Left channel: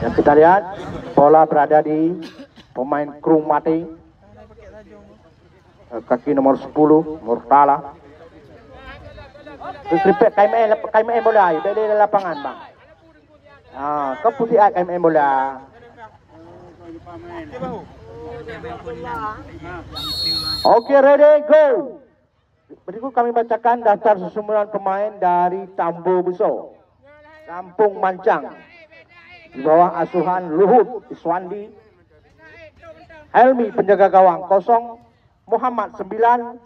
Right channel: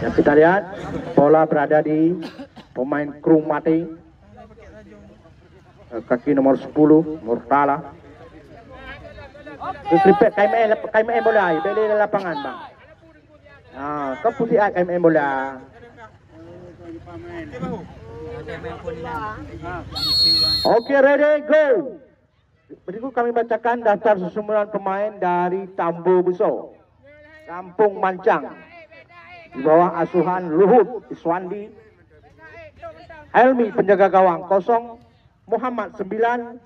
Dan kita lihat bola berada di pemain Krung Mati, kaki nomor 10 Murtala. Kripet KMN bola dari lapangan bang. Keputihan KMN bola. Okey, ready, go. Berikut kami bacakan daftar susunan pemain dari Tambu Buso, Kampung Mancang, di bawah asuhan Luhut Iswandi. Helmi penjaga gawang 0, Muhammad 9,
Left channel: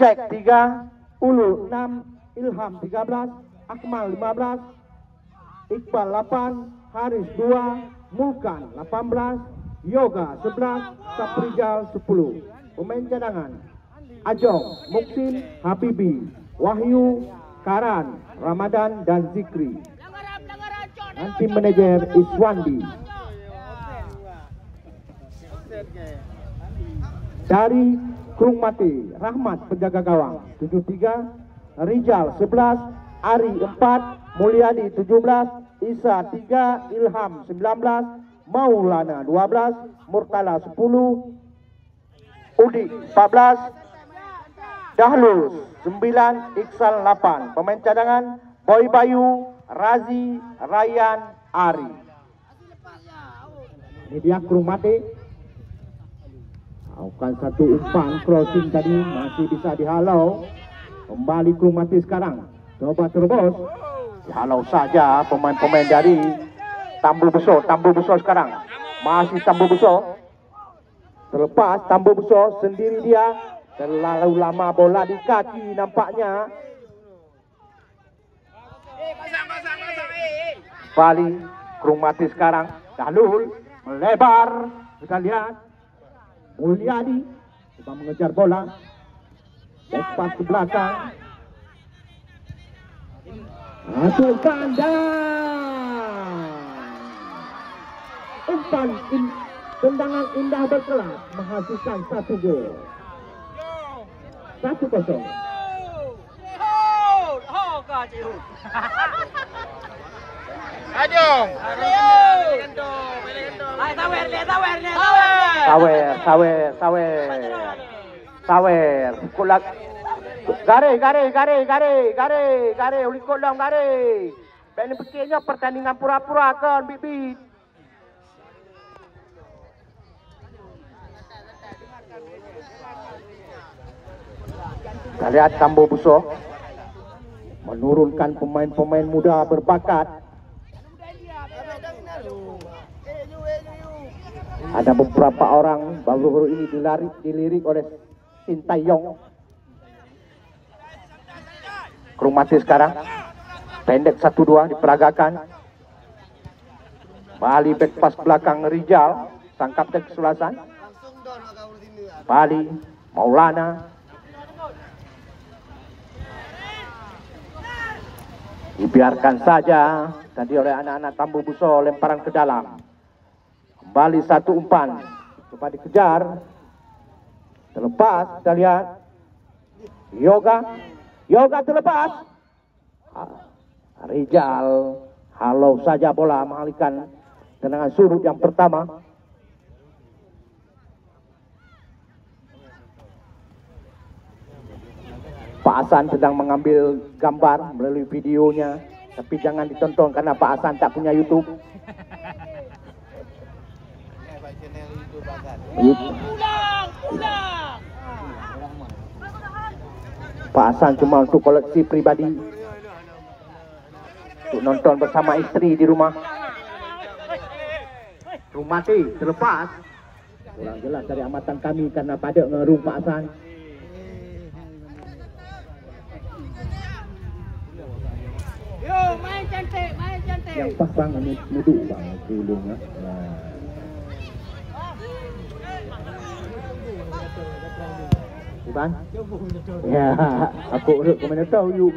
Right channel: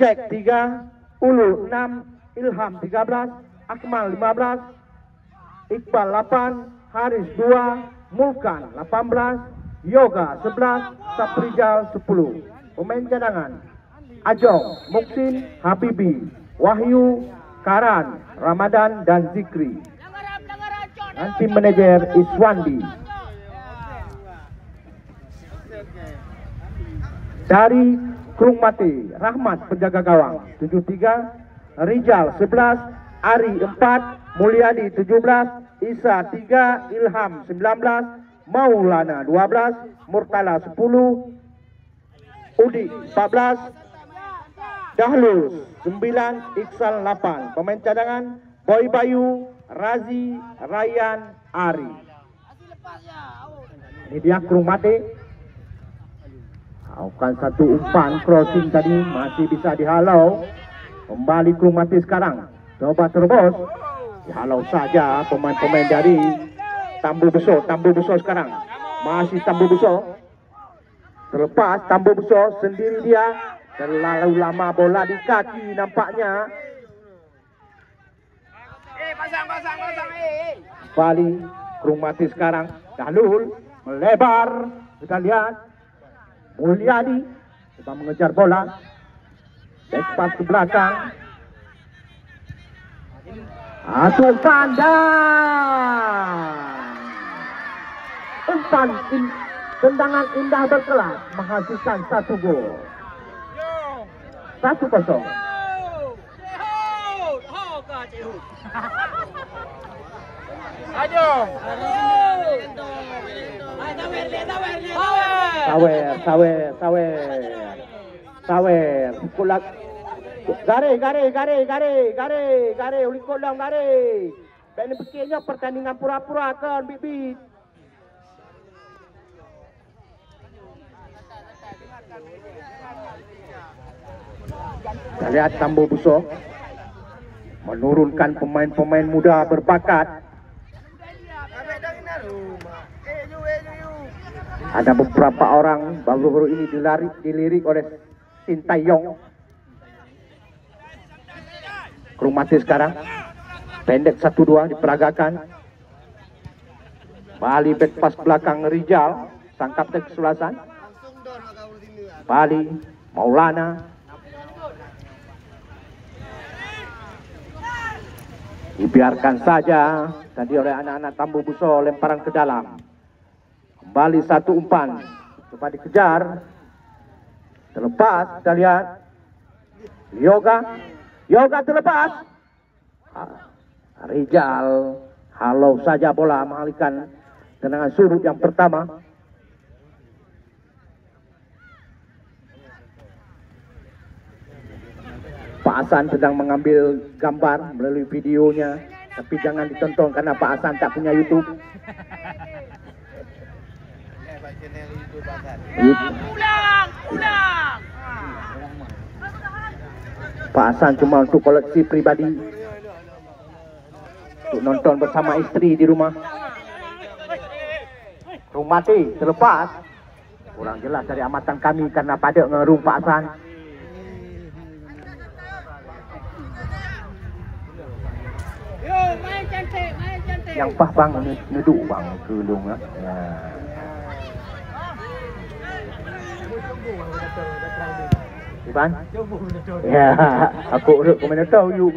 Jack 3, Ulu 6, Ilham 13, Akmal 15, Iqbal 8, Haris 2, Mulkan 18, Yoga 11, Saprijal 10. Pemain cadangan Ajong, Muksin, Habibi, Wahyu, Karan, Ramadan dan Zikri. Dan tim manajer Iswandi. Dari Krung Mati, Rahmat penjaga gawang 73, Rijal 11, Ari 4, Mulyadi 17, Isa 3, Ilham 19, Maulana 12, Murtala 10, Udi 14, Dahlul 9, Iksal 8. Pemain cadangan Boy Bayu, Razi, Ryan, Ari. Ini dia Krung Mati. Bukan satu umpan crossing tadi masih bisa dihalau. Kembali Krung Mati sekarang. Coba terobos. Dihalau saja pemain-pemain dari Tambu Buso. Tambu Buso sekarang. Masih Tambu Buso. Terlepas Tambu Buso sendiri dia. Terlalu lama bola di kaki nampaknya. Bali Krung Mati sekarang. Dahlul melebar. Kita lihat Mulyadi coba mengejar bola. Back pass ke belakang. Atuh kandang. Umpan tendangan indah berkelas menghasilkan 1 gol. 1-0. Sawer. Kulak. Gare. Ulikot dong gare. Dan begini pertandingan pura-pura kan bibit. Kita lihat Tambu Buso menurunkan pemain-pemain muda berbakat. Ada beberapa orang baru-baru ini dilirik oleh Sintayong. Krung Mati sekarang pendek 1-2 diperagakan. Bali back pass belakang Rijal, tangkap dari kesulasan. Bali Maulana. Dibiarkan saja tadi oleh anak-anak Tambu Buso, lemparan ke dalam. Kembali 1 umpan. Coba dikejar. Terlepas, kita lihat. Yoga terlepas. Rijal halau saja bola mengalihkan tendangan surut yang pertama. Pak Hasan sedang mengambil gambar melalui videonya, tapi jangan ditonton karena Pak Hasan tak punya YouTube. Pak Hasan cuma untuk koleksi pribadi, untuk nonton bersama istri di rumah. Krung Mati terlepas, kurang jelas dari amatan kami karena pada ngerung Pak Hasan. Main cantik. Yang pas bang ngeduk bang kelung lah. Iban? Ya, aku urut komentator you.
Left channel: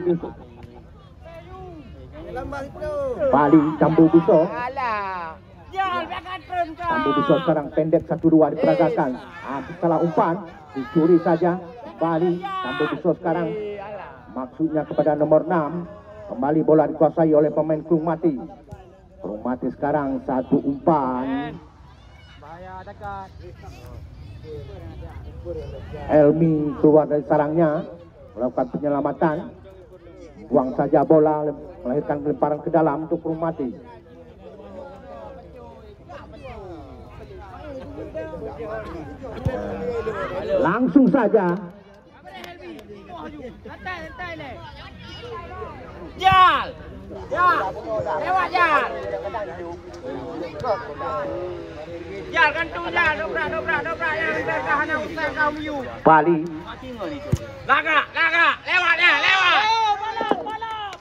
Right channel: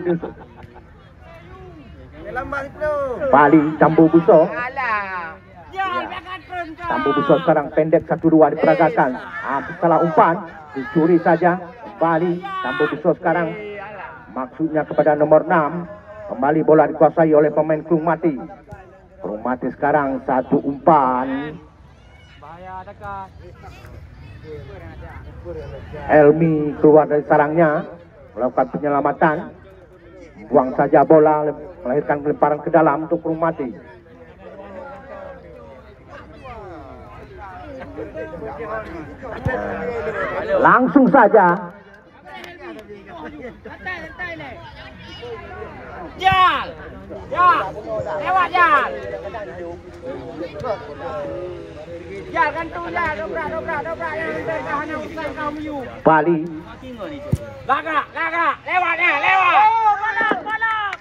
Bali Tambu Buso. Tambu Besar sekarang pendek 1-2 diperagakan. Salah umpan, dicuri saja. Kembali Tambu Besar sekarang. Maksudnya kepada nomor 6. Kembali bola dikuasai oleh pemain Kelung Mati. Kelung Mati sekarang satu umpan. Helmi keluar dari sarangnya, melakukan penyelamatan. Buang saja bola, melahirkan lemparan ke dalam untuk Kelung Mati. Langsung saja. Jal, lewat jal. Jal kantung jal, dobrak. Bali. Lagak, lewat. Mana.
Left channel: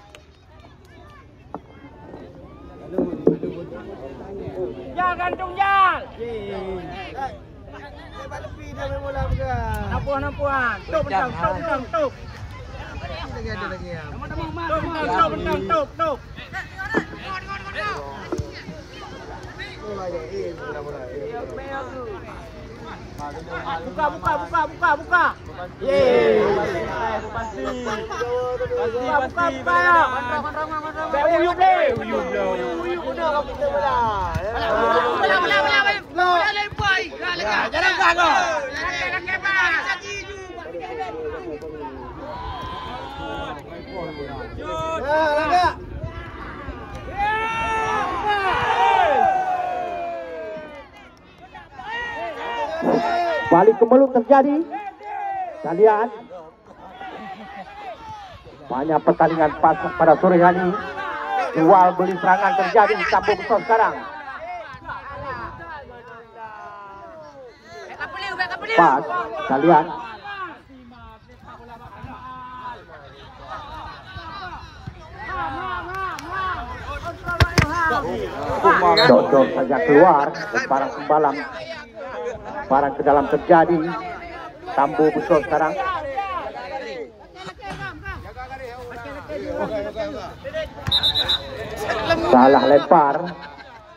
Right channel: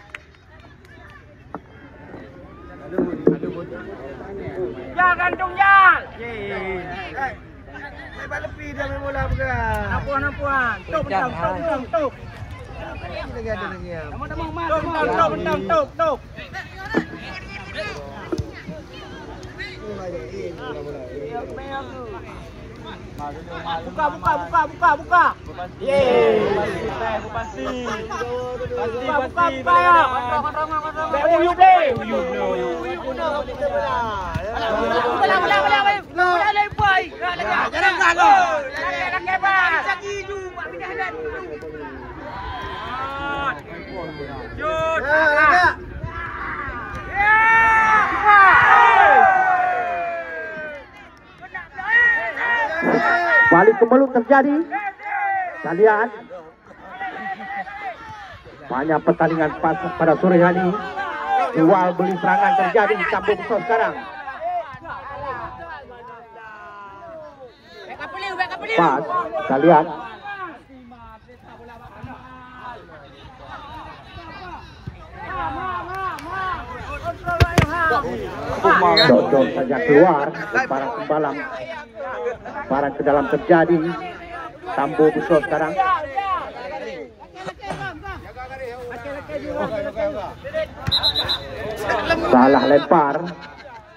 Jal kantung jal. Lepas lepi dah main bola bukan. Nampuan. Tuk. Ada lagi ya. Tuk. Buka. Yeay. Pasti. Gak uyup deh. Balik ke Meluk terjadi. Kita lihat banyak pertandingan pada sore hari ini. Jual beli serangan terjadi di Tambu Besar sekarang. Pas, kita lihat Dodol saja keluar. Lemparan sembalang, lemparan ke dalam terjadi. Tambu Besar sekarang. Salah lempar.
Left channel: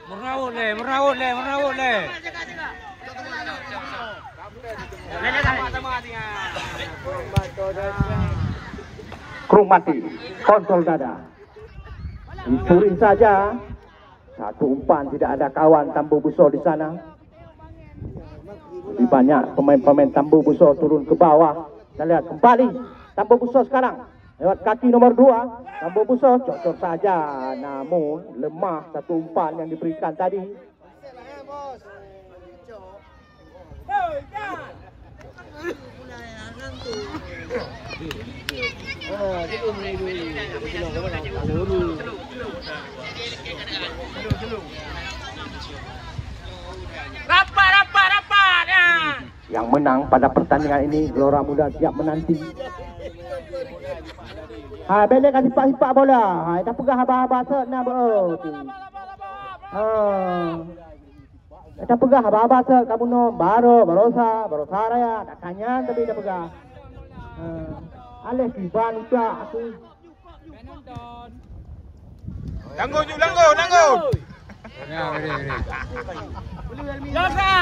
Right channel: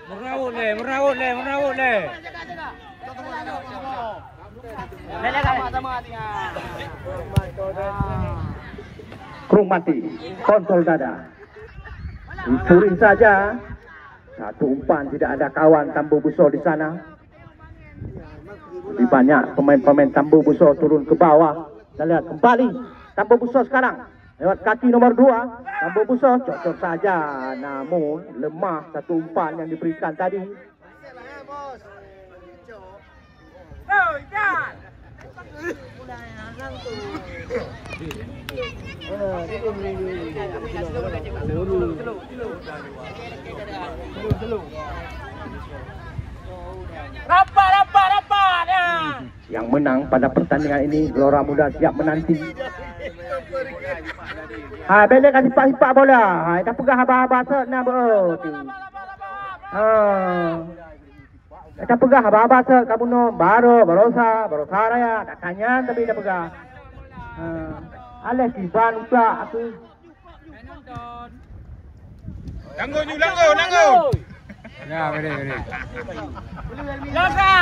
Merawut le. Kelung Mati kontrol dada, dicuri saja. Satu umpan, tidak ada kawan Tambu Besar di sana. Lebih banyak pemain-pemain Tambu Besar turun ke bawah. Kita lihat kembali Tambu Besar sekarang lewat kaki nomor 2. Tambu Besar cocok saja, namun lemah satu umpan yang diberikan tadi. Rapat ya. Yang menang pada pertandingan ini Gelora Muda siap menanti. Bele kasih pak bola. Dah pegang haba-haba nak berarti. Dah pegang haba-haba kamu no barosa raya. Dah tanya tapi dah pegang. Aleh kiban udah aku. Langgo. Jaga.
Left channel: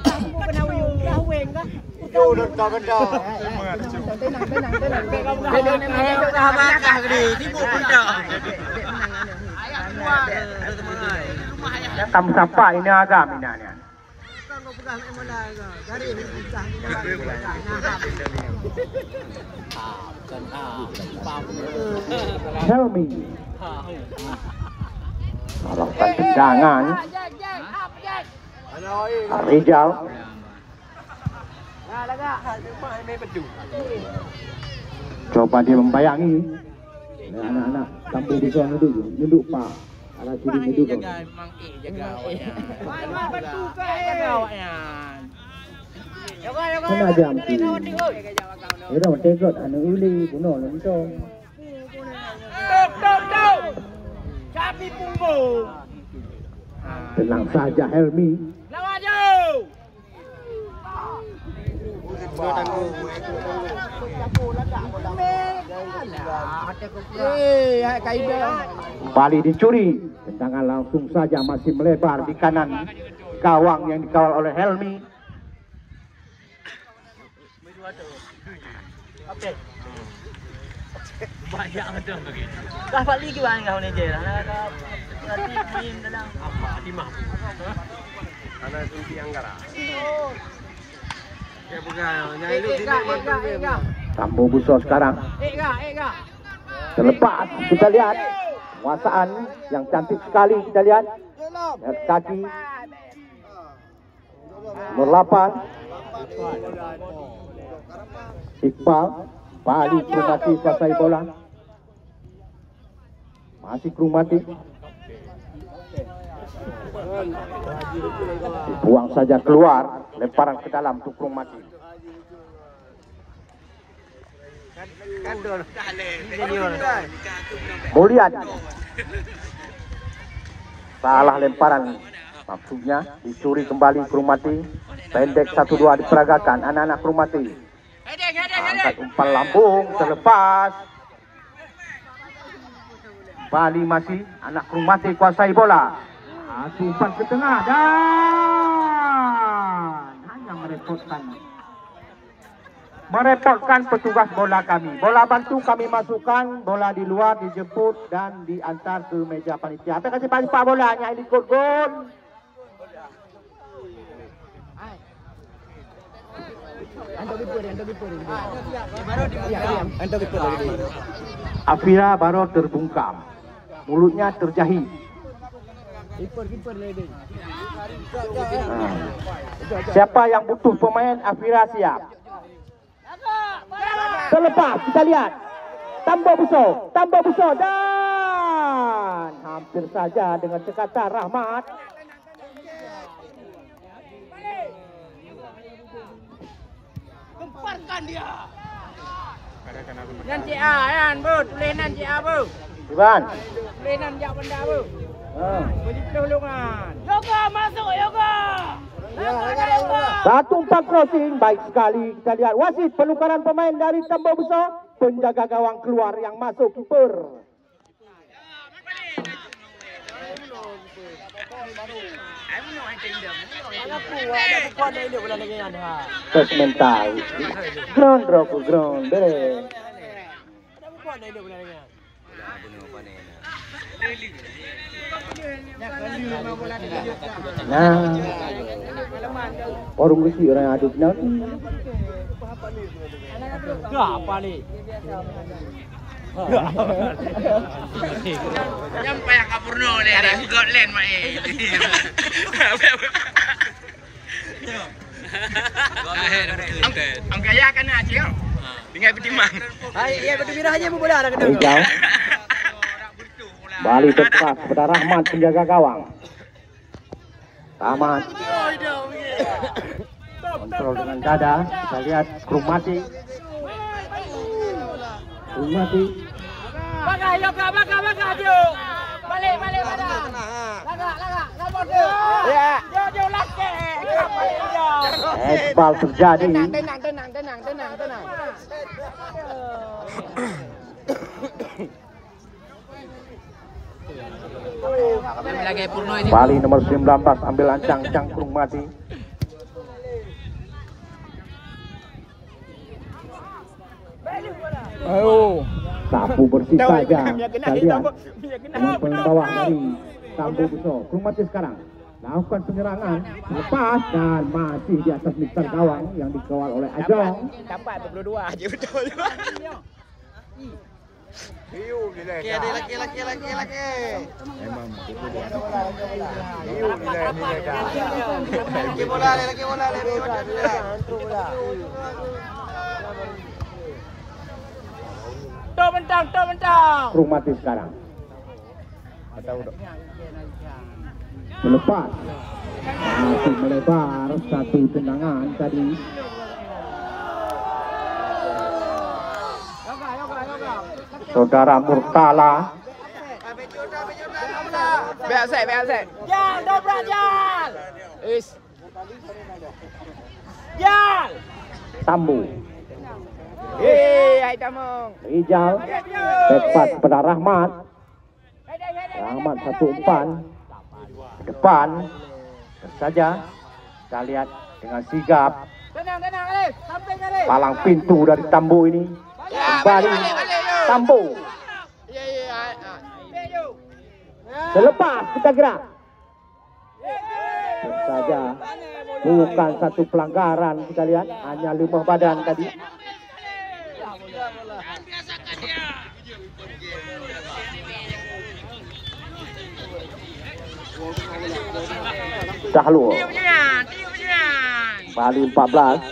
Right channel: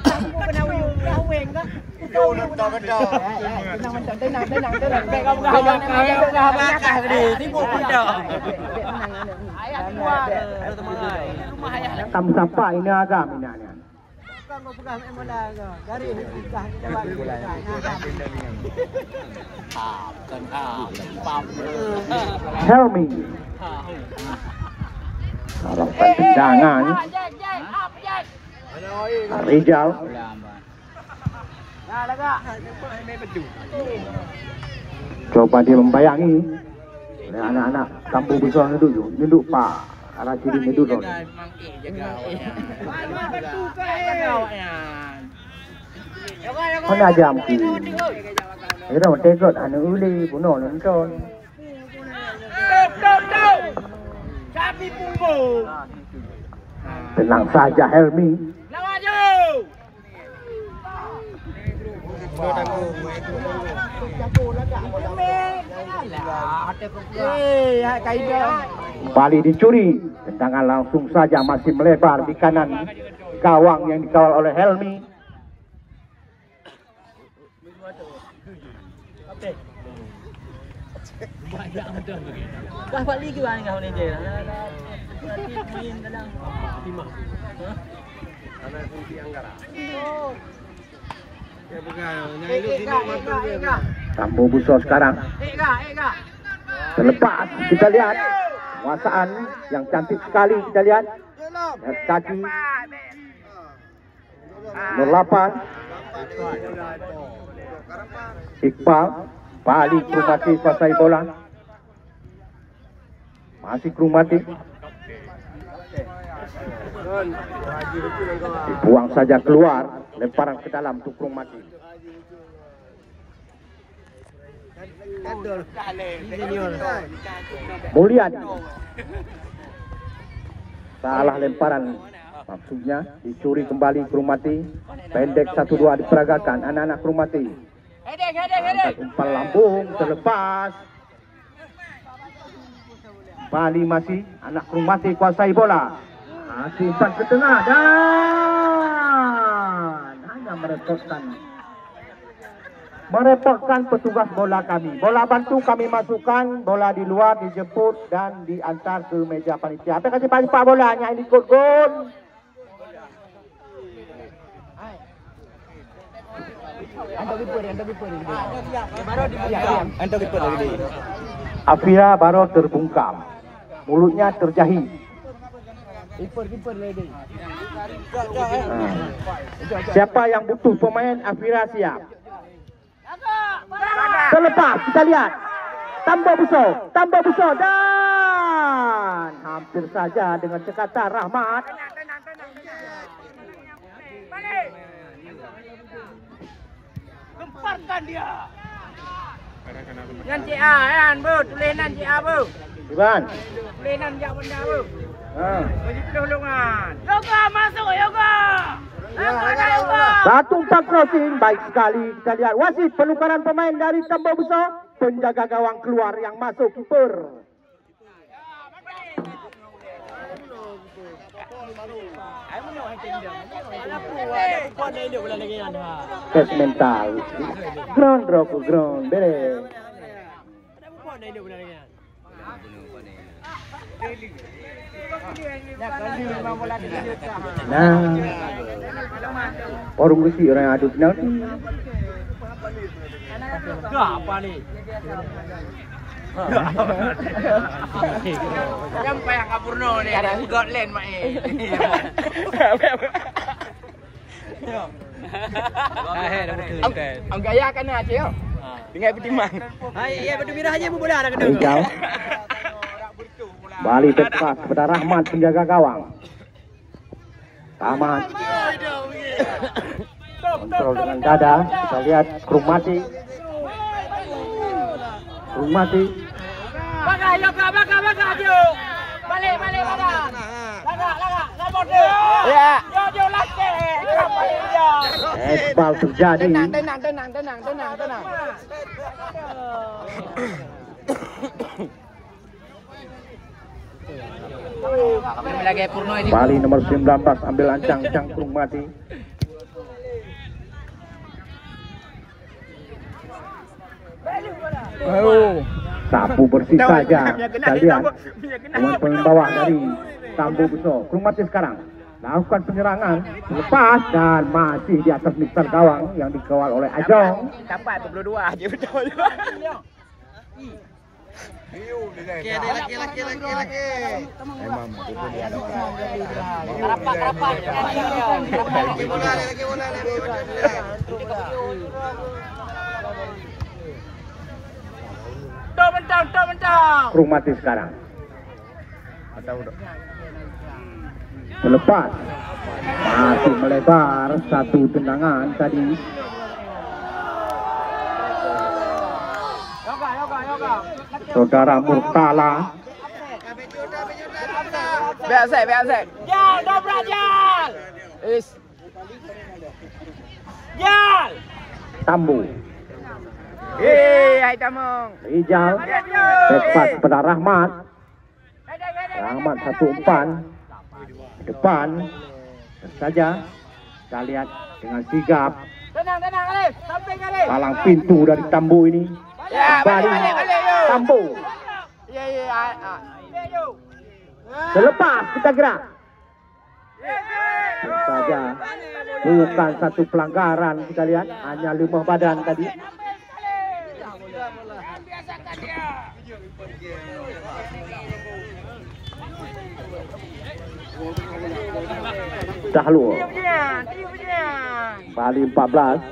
Kamu kena uyung weng kah? Gendong. Kamu siapa ini agak minanya? Helmi. Melakukan tendangan. Rijal. Coba dia membayangi. Anak-anak Tambu Besar duduk Pak. Arah kiri duduk. Mana jam ki? Itu tekot anu uli bunuh nonton. Tuk. Sapi punggung. Tenang saja Helmi. Lawan jauh. Kembali dicuri. Tendangan langsung saja masih melebar di kanan gawang yang dikawal oleh Helmi. Banyak betul begitu. Dah balik ke mana kau ni je? Dah berarti main dalam apa? Timah. Ada kunci Anggara. Ya bukan, nyaluk sini mata dia. Tambu Buso sekarang terlepas. Kita lihat penguasaan yang cantik sekali. Kita lihat kaki nomor 8 Iqbal balik Krumati kuasai bola. Masih Krumati. Dibuang saja keluar. Lemparan ke dalam untuk Krumati. Mulian. Salah lemparan. Maksudnya dicuri kembali Krumati. Pendek 1-2 diperagakan anak-anak Krumati. Angkat umpan lambung terlepas. Bali masih anak Krumati kuasai bola. Masih umpan ke tengah dan hanya merepotkan petugas bola kami. Bola bantu kami masukkan, bola di luar dijemput dan diantar ke meja panitia. Apa kasih balik pak bolanya ini ikut gol. Afira baru terbungkam, mulutnya terjahit. Siapa yang butuh pemain Afira siap. Terlepas kita lihat tambah Buso dan hampir saja dengan sekatan Rahmat. Nanti kan bro, tulis nanti bro. Bukan. Tulis nanti benda bro. Bagi pertolongan. Yoga masuk yoga. Satu umpan crossing baik sekali. Kita lihat wasit penukaran pemain dari Tambah Buso. Penjaga gawang keluar yang masuk kiper. Tes mental. Ground bere. Nah, orang besi orang aduk nanti. Apa ni? Nyampai yang kapurno ni, buka len mak Ang gaya kan na Cil. Dengan petimang. Iya betul birah aja bola ada kena. Balik tepat kepada Rahmat penjaga gawang. Rahmat kontrol dengan dada. Kita lihat Krumati. Baga dia. Balik baga. Laga dia. Ya. Dia lagi. Bal terjadi. Tenang. Ambil lagi Purno ini. Bali nomor 19 ambil ancang Krumati. Sapu bersih saja. Kita lihat pemain bawah dari Tambu Buso. Krumati sekarang lakukan penyerangan, lepas dan masih di atas mister gawang yang dikawal oleh Ajong. Dapat 22 aja betul. Laki. Rapat. Laki bola le. Mentang. Krumati sekarang. Selepas masih melebar satu tendangan tadi. Saudara Murtala. Biasa. Jal, dobrak Jal. Jal. Tambu. Hai Tamu. Rijal. Tepat pada Rahmat. Rahmat satu umpan. Depan. Saja kita lihat dengan sigap Tenang, Alif. Sampai kali. palang pintu dari Tambo ini. Kembali Tambo. Selepas kita gerak. Saja bukan satu pelanggaran, kita lihat hanya lemah badan tadi. Sahlul Bali 14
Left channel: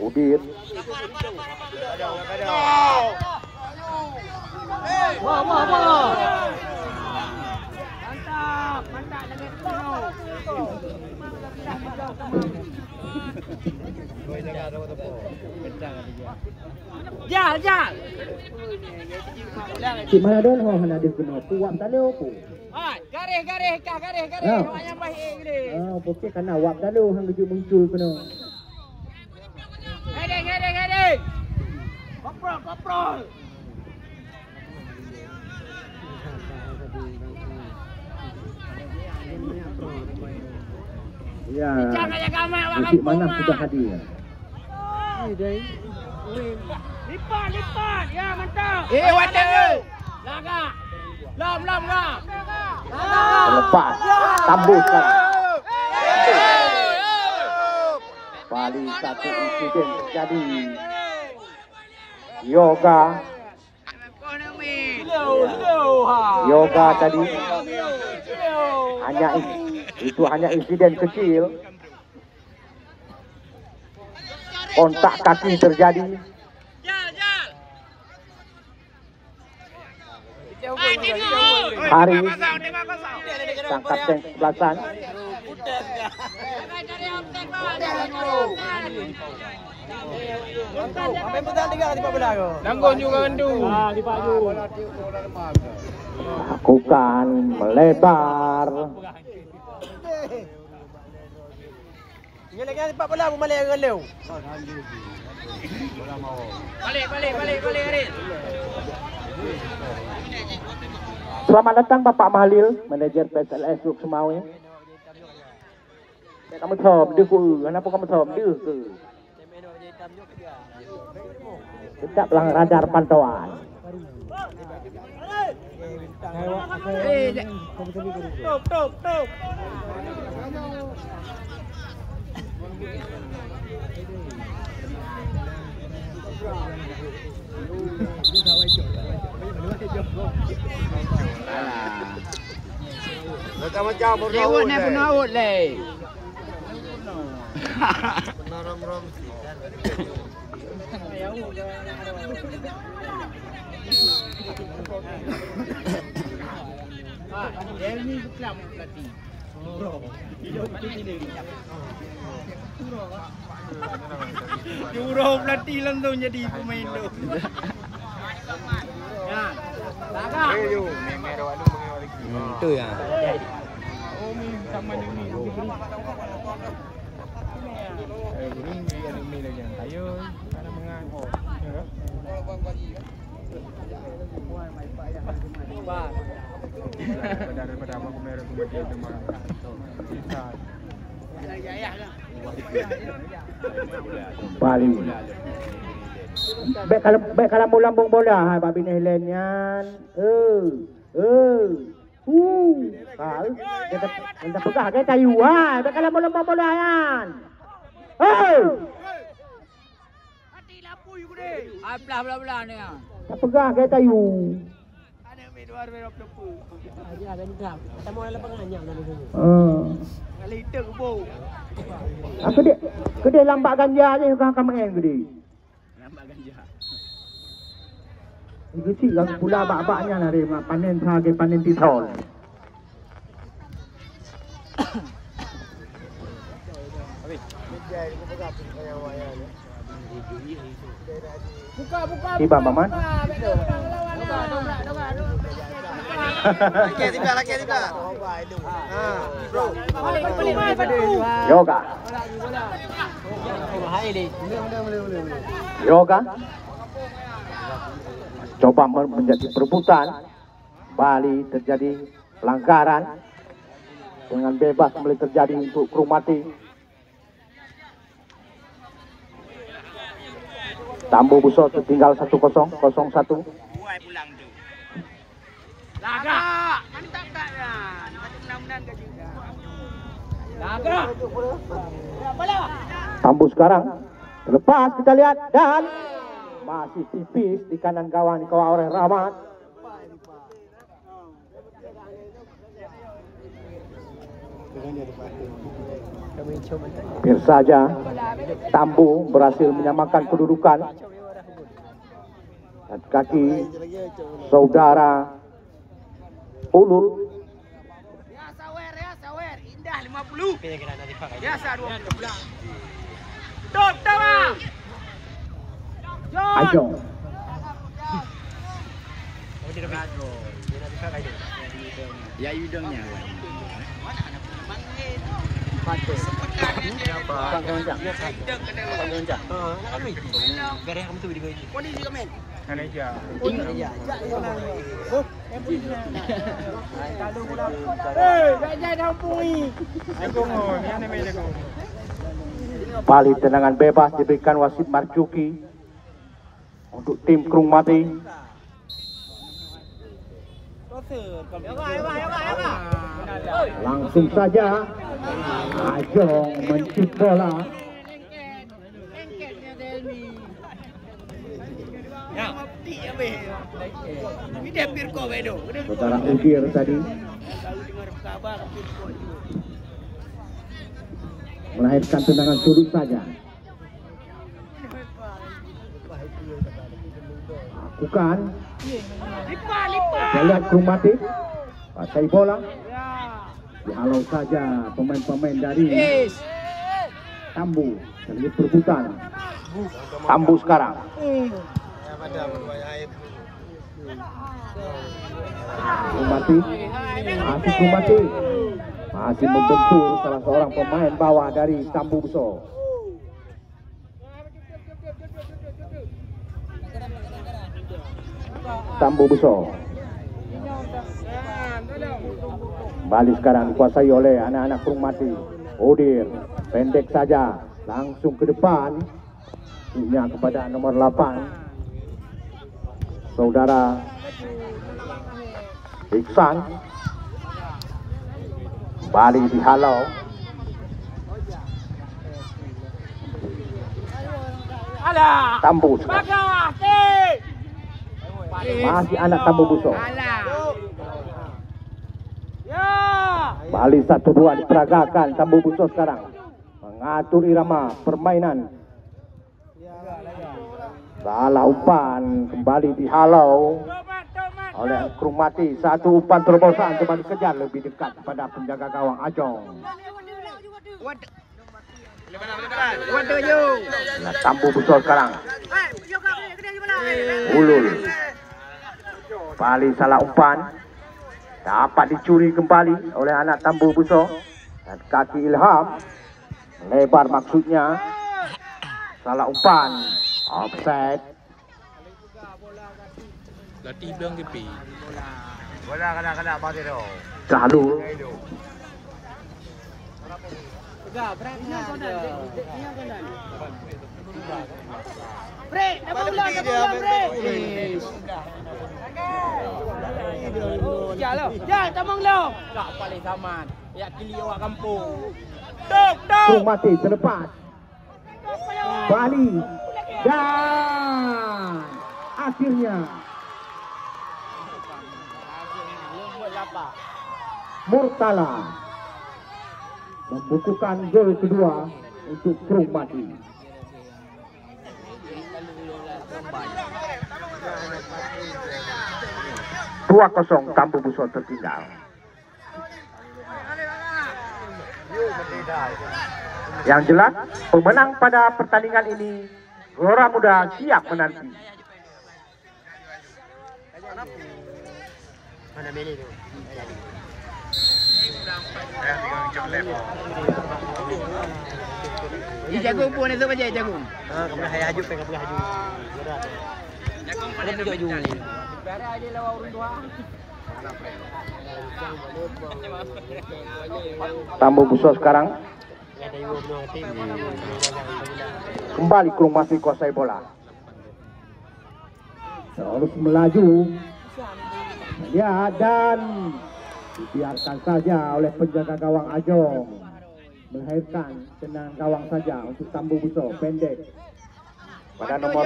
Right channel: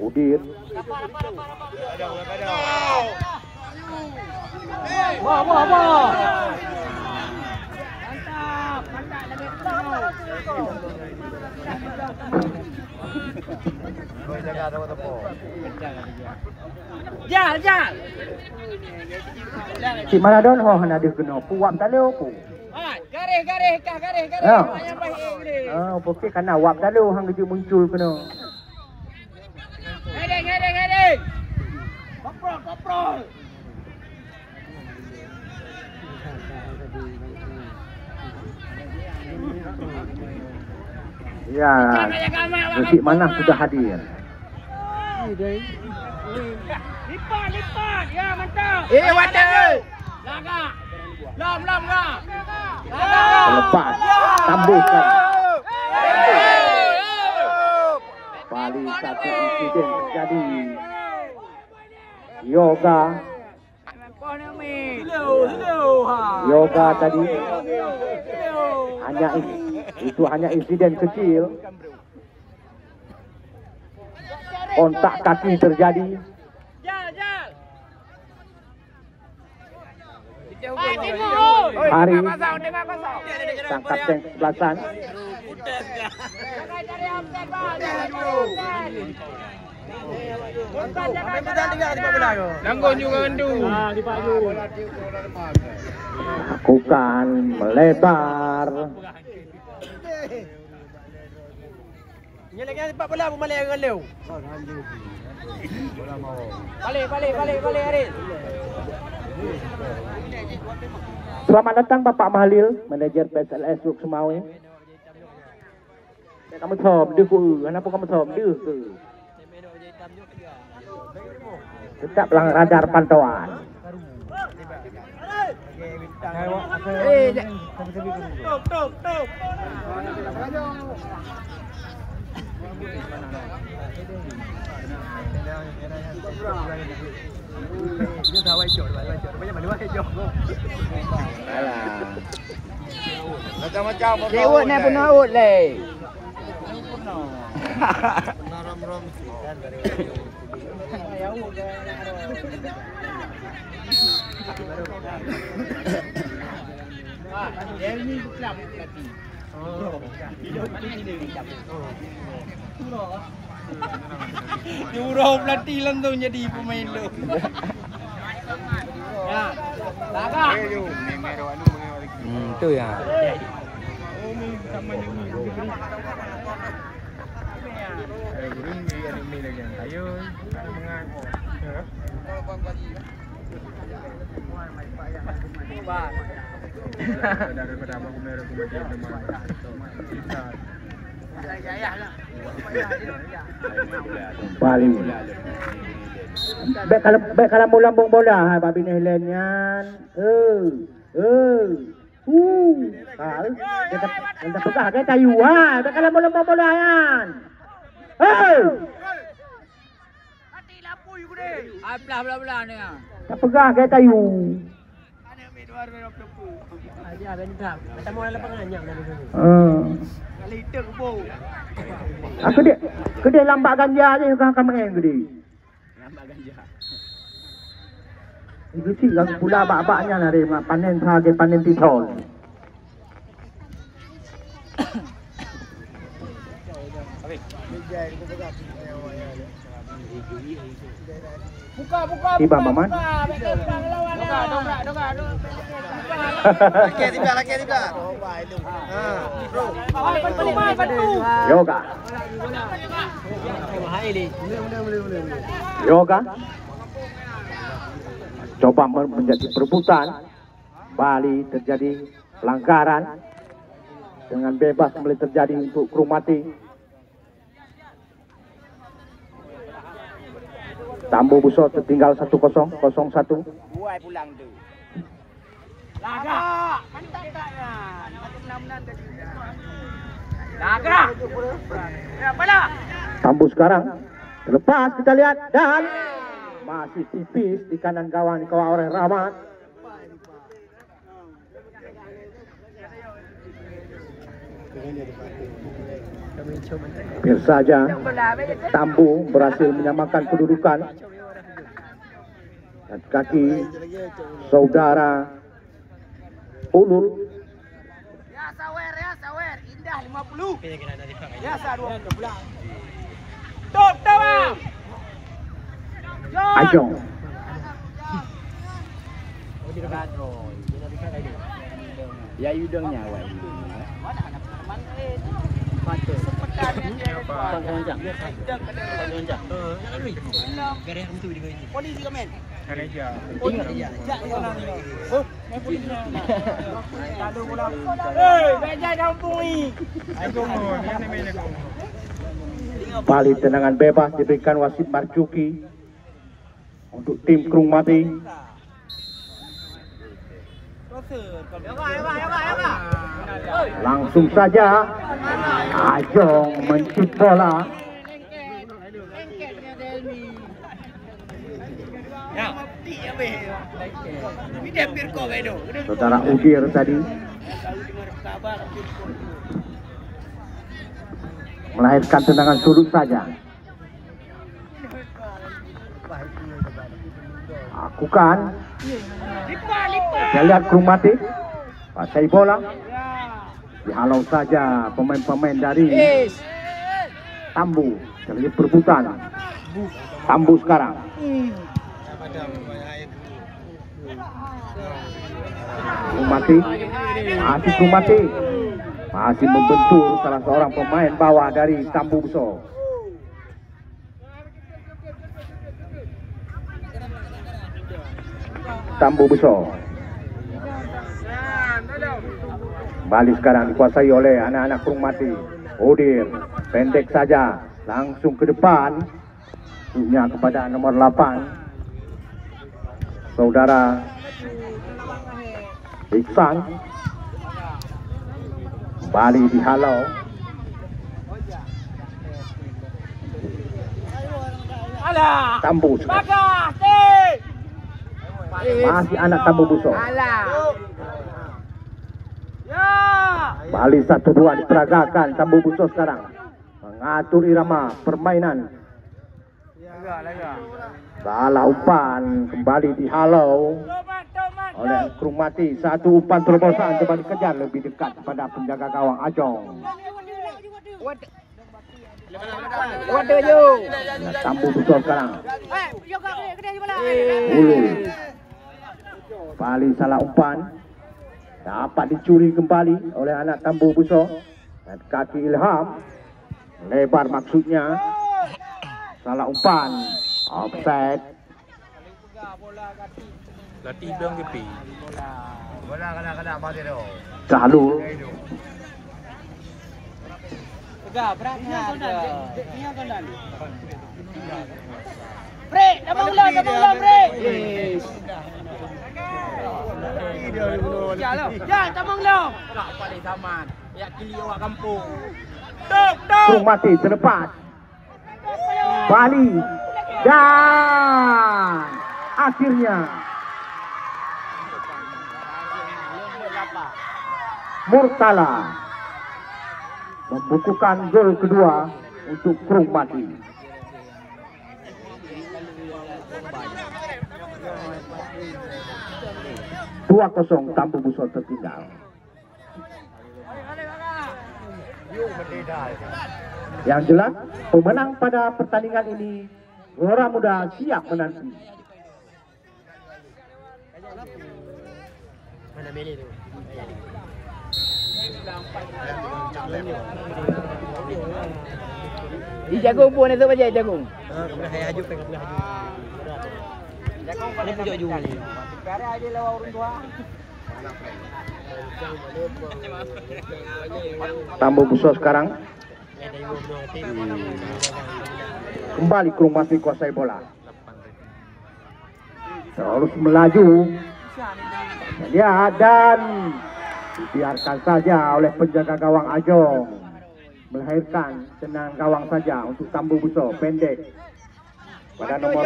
Udin Wah. Mantap lagi Jal. Si Maradon ho hana dia kena puap tak le opo. Garis. Ya. Yang baik ni. Opo ke kana wap tak le hang dia muncul kena. Heading. Koprol. Ya. Musik mana sudah hadir. Lipat. Ya, mantap. water. Laga. Lam ga. Lepas Tambo sekarang. Bali satu insiden terjadi. Yoga tadi hanya insiden kecil. Kontak kaki terjadi. Hari tangkap yang sebelasan. Langgon juga Andu. Lakukan melebar. Ini lagi sepak bola pun boleh ngelau. Balik Arif. Selamat datang Bapak Mahalil, manajer PSLS Yuk Semawe. Kamu thom đưa phụ, kenapa kamu thom đưa ke? Tetaplah radar pantauan. Tuk. Macam-macam. Jewut ni pun awut le. Rom. Dia ni Islam pelatih. Hidup ini dia. Jurau pelatih langsung jadi pemain tu. Laga. Itu ya. Bali. Baik kalau mau lambung bola, hai babi ni Helenian. Kita pegah ke kayu, ha. Baik kalau mau lambung bola kan. Mati lampu you ni. Belah ni ah. Tak pegah ke kayu. Ada ambil 2 lampu. Dia ben tak. Kita mau lapangan nyam dari sini. Kali itu bo. Kedai lambat ganja je kau main kedai. Nampak ganja. Itu sih yang pula bak-baknya nari panen sebagai panen titol. Buka. Tiba Maman. Laki tiba. Bro. Yoga. Coba menjadi perebutan. Bali terjadi pelanggaran. dengan bebas boleh terjadi untuk Krumati. Tambu Buso tertinggal 1-0, 0-1. Buai pulang tu. Laga. Laga. Tambu sekarang terlepas, kita lihat, dan masih tipis di kanan gawang dikawal oleh Rahmat. Biar saja Tambu berhasil menyamakan kedudukan. Dan kaki saudara Ulul. Indah 50. Ya, 20. Top, top. Ajong. Ya hidungnya awak. Balik tendangan bebas diberikan wasit Marjuki untuk tim Krumati. Langsung saja Ajong mencut bola. Saudara Udir tadi melahirkan tendangan sudut saja. Lakukan. Kita lihat Krumati pasai bola. Dihalau saja pemain-pemain dari Tambu. Terjadi perebutan. Tambu sekarang. Krumati. Masih Krumati. Masih membentur salah seorang pemain bawah dari Tambu Buso. Tambu Buso. Kembali sekarang dikuasai oleh anak-anak Krumati. Udir pendek saja, langsung ke depan. Punya kepada nomor 8 saudara Iksan. Kembali dihalau. Tambu sekarang. Masih anak Tambu Buso. Bali 1-2 diperagakan. Tambu Buso sekarang mengatur irama permainan. Salah umpan, kembali dihalau oleh Krumati. Satu umpan terobosan, coba dikejar lebih dekat pada penjaga gawang Ajong. Nah, Tambu Buso sekarang. Ulul. Bali salah umpan. Dapat dicuri kembali oleh anak Tambu Buso. Dan kaki Ilham lebar maksudnya. Salah umpan. Offside. Bola kena mati tu. Jalur. Break, abang ulang, break. Yes. Ya, tamang lo. Tak paling taman. Ya kili awak kampung. Tok. Krumati terlepas. Bali. Dan akhirnya Murtala membukukan gol kedua untuk Krumati. 2-0 Tambu Buso tertinggal. Yang jelas pemenang pada pertandingan ini Gelora Muda siap menanti. Mana Meli tu? Jagung pun itu aja jagung. Kebelah haju kebelah haju. Jagung pada haju. Tambu Buso sekarang kembali Krung masih kuasai bola, terus melaju ya, dan dibiarkan saja oleh penjaga gawang Ajong, melahirkan tendangan gawang saja untuk Tambu Buso pendek pada nomor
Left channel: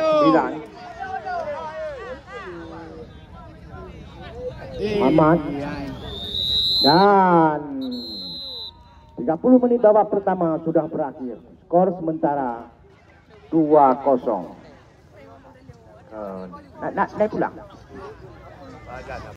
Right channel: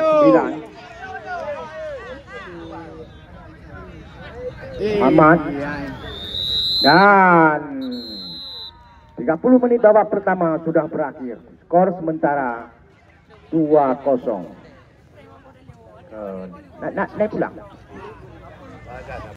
9 Muhammad. Dan 30 menit babak pertama sudah berakhir. Skor sementara 2-0. Naik pulang.